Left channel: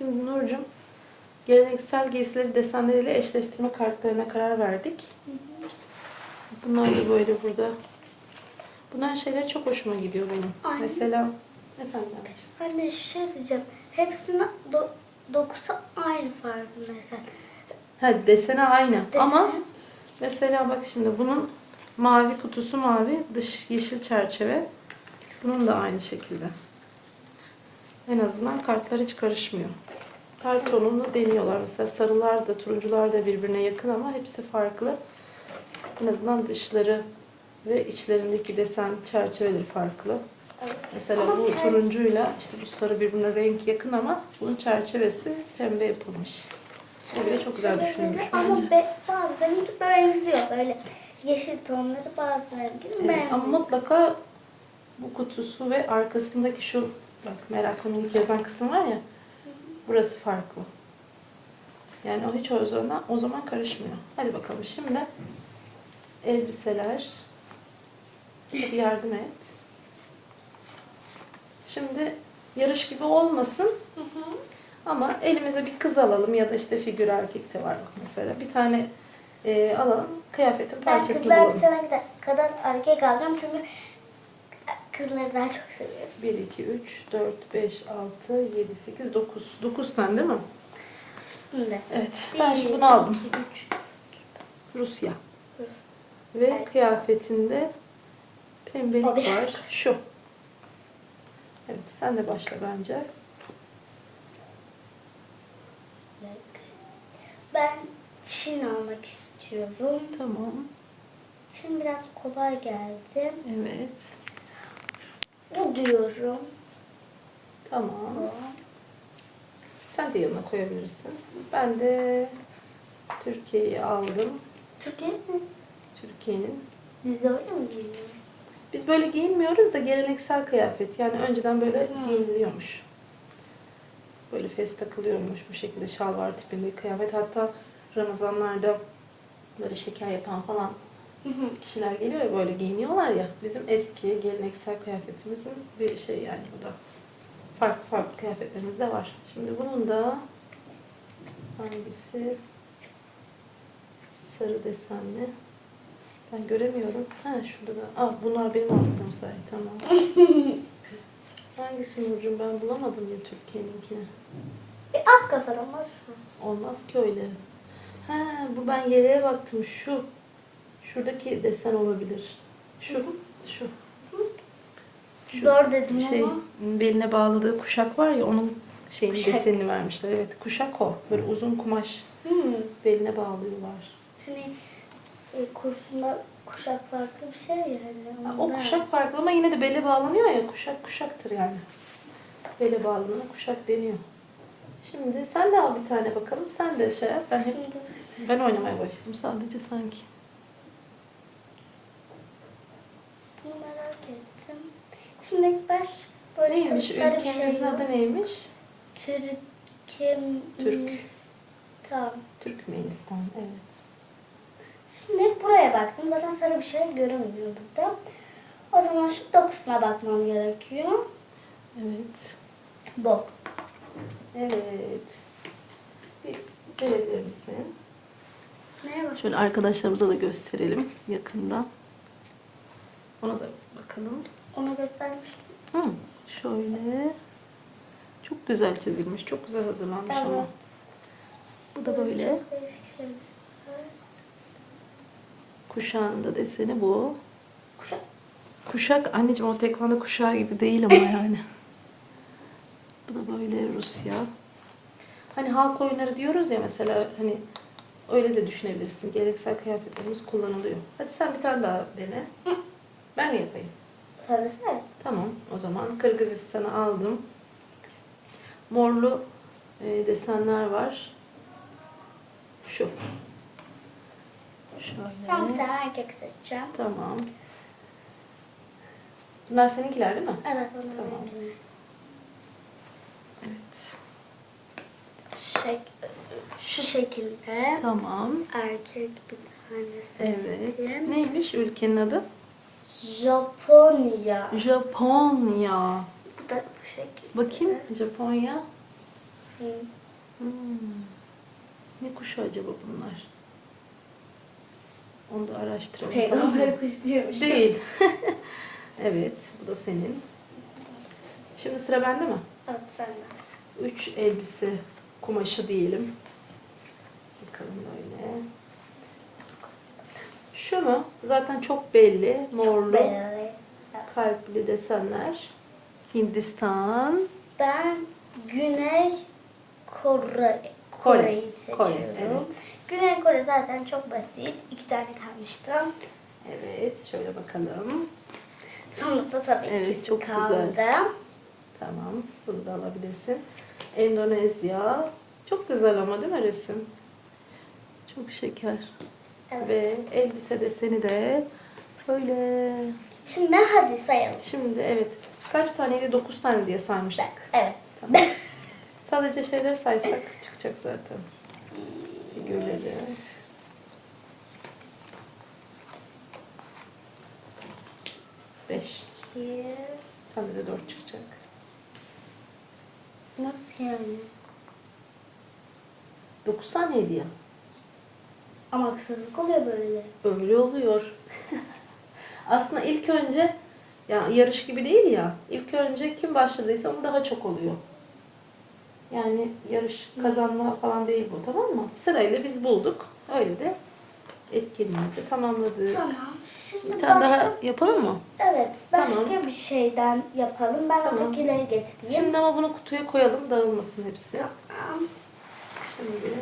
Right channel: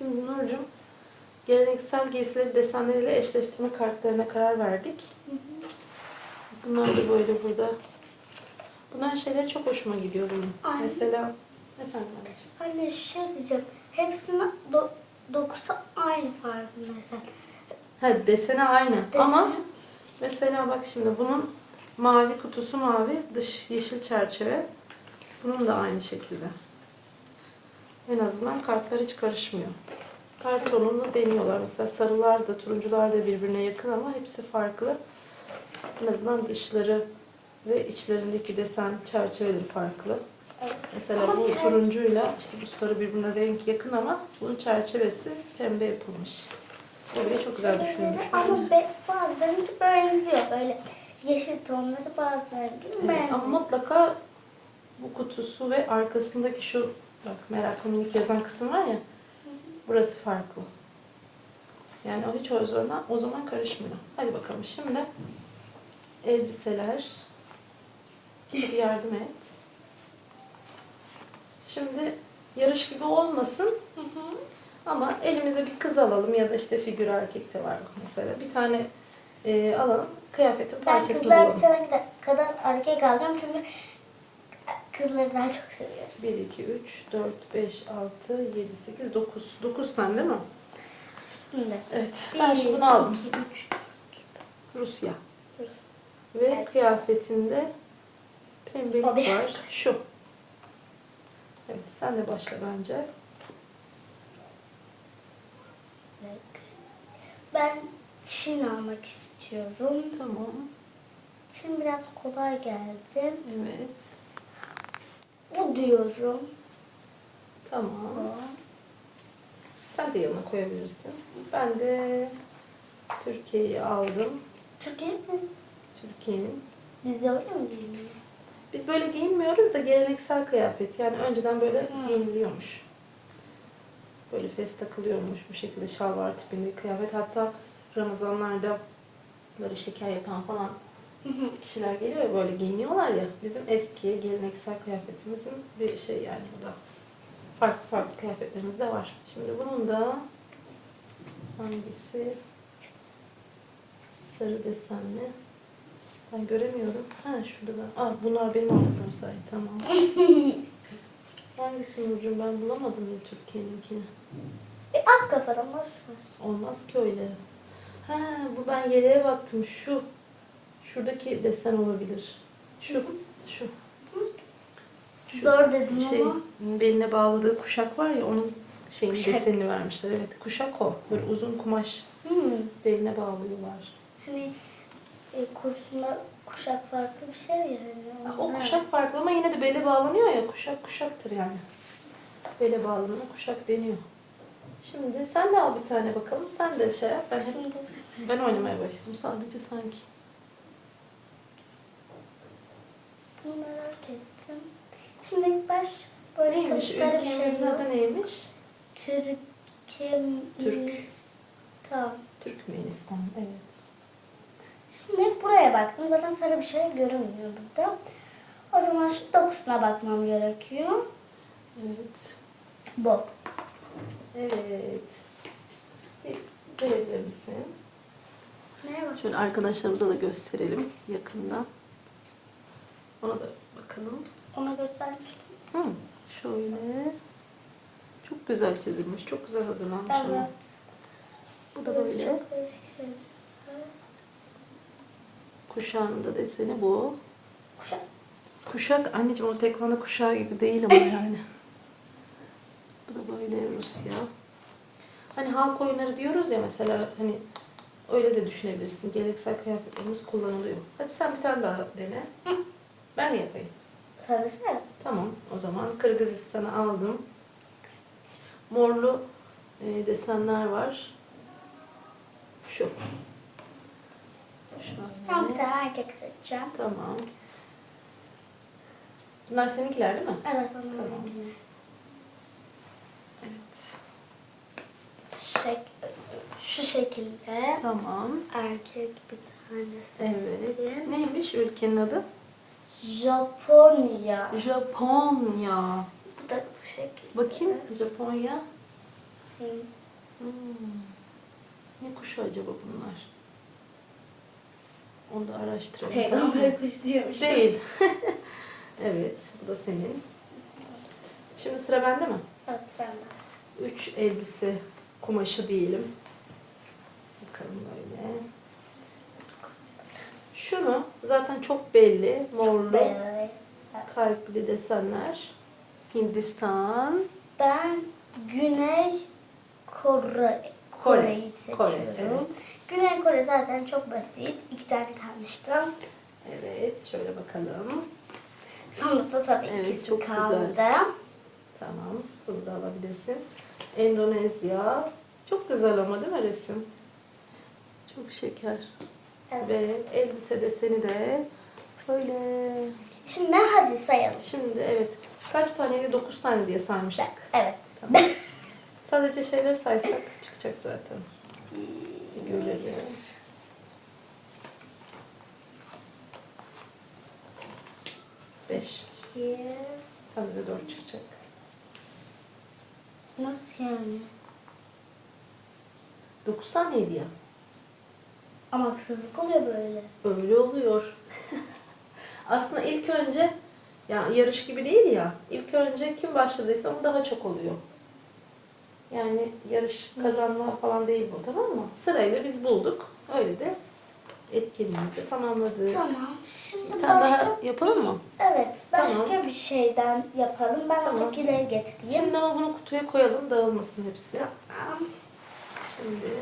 Şimdi Nurcuğum geleneksel giysileri desenleriyle eşleştirme kartlarına karar verdik. Bunlar da böyle burada. Bunlar şeyler çok hoşuma gidiyor benim. Ay. Mesela efendim anneciğim. Anne bir şey diyeceğim. Hepsinin do dokusu aynı farkında sen. Ha desene aynı Desene. ama mesela bak şimdi bunun mavi kutusu mavi, dış yeşil çerçeve. Bunun da aynı şekilde. En azından kartlar hiç karışmıyor. Kart tonunu deniyorlar. Mesela sarılar da turuncular da birbirine yakın ama hepsi farklı. En azından dışları ve içlerindeki desen çerçeveleri farklı. Evet. Mesela Ama bu turuncuyla işte bu sarı birbirine renk yakın ama bunun çerçevesi pembe yapılmış. Böyle çok güzel düşünülmüş Ama bence. be, bazılarınki benziyor. Böyle yeşil tonları bazılarınki Evet, benziyor. ama mutlaka bu kutusu ve arkasındaki şu bak meraklı minik yazan kısım var ya burası farklı. Yani o hiç o zaman, o zaman karışmıyor. Hadi bakalım şimdi elbiseler. Hadi yardım et. Şimdi yarış gibi olmasın Hı hı. ama elimize bir kız alalım ya da işte figür erkek de var mesela. Bir tane e, alalım kıyafetin Ben parçasını kızlar bulalım. bir sene kadar- kadar erkek alacağım çünkü kızları daha çok seviyorum. 1, 2, 3, 4, 5, 6, 7, 8, 9. 9 tane değil mi? Şimdi. Evet. Ben şimdi bunu aldım. iki, üç. Rusya. Rus. Ve Evet. kıyafetinde pembelik O var. Şu. Evet sen de başla bence. Ben Çin almak istiyorum. Tamam. Çin biraz kolay geldi. Evet. Diyorum. Tamam. Sen de yanına koyabilirsin. Ben de Türkiye'yi aldım. Türkiye mi? Türkiye'nin. Biz öyle mi giyiniyoruz? Biz böyle giyinmiyoruz da geleneksel kıyafet. Yani önceden böyle giyiniliyormuş. Böyle fes takılıyormuş bu şekilde şalvar tipinde kıyafet. Hatta Ramazanlarda böyle şeker yapan falan kişiler geliyor ya böyle giyiniyorlar ya. Bizim eski geleneksel kıyafetimizin bir şey yani bu da. Farklı farklı kıyafetlerimiz de var. Şimdi bunun da hangisi sarı desenli. Ben göremiyorum. Ha şurada da. Aa bunlar benim hafızam sahi. Tamam. Hangisi Nurcuğum ben bulamadım ya Türkiye'ninkini. Bir at kafadan var. Olmaz ki öyle. Ha bu ben yeleğe baktım. Şu. Şuradaki desen olabilir. Şu. Şu. Şu Zor dedim şey ama. beline bağladığı kuşak var ya onun şeyin Kuşak. desenini vermişler. Evet kuşak o. Böyle uzun kumaş Hmm. beline bağlıyorlar. Hani e, kursumda kuşak farklı bir şey yani. Ha, o Ondan. kuşak farklı ama yine de bele bağlanıyor ya. Kuşak kuşaktır yani. Bele bağlanan kuşak deniyor. Şimdi sen de al bir tane bakalım. Sen de şey yap. Ben hep ben oynamaya başladım sadece sanki. bunu merak ettim. Şimdi ilk baş böyle Neymiş? sarı bir şey Ülkemizin adı neymiş? Türkmenistan. Türkmenistan. Evet. Şimdi buraya baktım. Zaten sarı bir şey görünmüyor burada. O zaman şu dokusuna bakmam gerekiyor. Evet. Bu. Evet. Bir verebilir misin? Bak? Şöyle arkadaşlarımıza da gösterelim yakından. Ona da bakalım. Ona göstermiştim. Hı, şöyle. Çok güzel çizilmiş. Çok güzel hazırlanmış ama. Evet. Bu da böyle. Kuşağında deseni bu. Kuşak. Kuşak anneciğim o tekvando kuşağı gibi değil ama yani. Bu da böyle Rusya. Hani halk oyunları diyoruz ya mesela hani öyle de düşünebilirsin. Geleneksel kıyafetlerimiz kullanılıyor. Hadi sen bir tane daha dene. Ben mi yapayım? Sen de söyle. Tamam o zaman Kırgızistan'ı aldım. Morlu e, desenler var. Şu. Ben bir Şöyle. tane erkek seçeceğim. Tamam. Bunlar seninkiler değil mi? Evet onu Tamam. tamam. Evet. Şek şu şekilde Tamam. erkek bir tane Evet. seçtim. Neymiş ülkenin adı? Japonya. Japonya. Bu da bu şekilde. Bakayım Japonya. Bakayım. Hmm. Ne kuşu acaba bunlar? Onu da araştıralım. Peygamber kuşu diyormuş. Değil. evet, bu da senin. Şimdi sıra bende mi? Evet sen de. Üç elbise kumaşı diyelim. Bakalım öyle. Şunu zaten çok belli. Morlu, kalpli desenler. Hindistan. Ben Güney Kore Kore. Kore'yi seçiyorum. Kore, evet. Güney Kore zaten çok basit. İki tane kalmıştı. Evet, şöyle bakalım. Sonunda tabii Evet, ikisi çok kaldı. güzel. Tamam, bunu da alabilirsin. Endonezya. Çok güzel ama değil mi resim? Çok şeker. Evet. Ve elbise deseni de böyle. Şimdi hadi sayalım. Şimdi evet. Kaç taneydi? 9 tane diye saymıştık. Evet. Tamam. Sadece şeyler saysak çıkacak zaten. Görelim. Beş. İki. Sende de dört çıkacak. Nasıl yani? Dokuz taneydi ya. Ama haksızlık oluyor böyle. Öyle oluyor. Aslında ilk önce ya yarış gibi değil ya. İlk önce kim başladıysa o daha çok oluyor. Yani yarış kazanma falan değil bu tamam mı? Sırayla biz bulduk. Öyle de etkinliğimizi tamamladık. Tamam. Şimdi Bir tane başka... daha yapalım mı? Evet. Başka Tamam. bir şeyden yapalım. Ben Tamam. ötekileri getireyim. Şimdi ama bunu kutuya koyalım dağılmasın hepsi. Tamam. Şimdi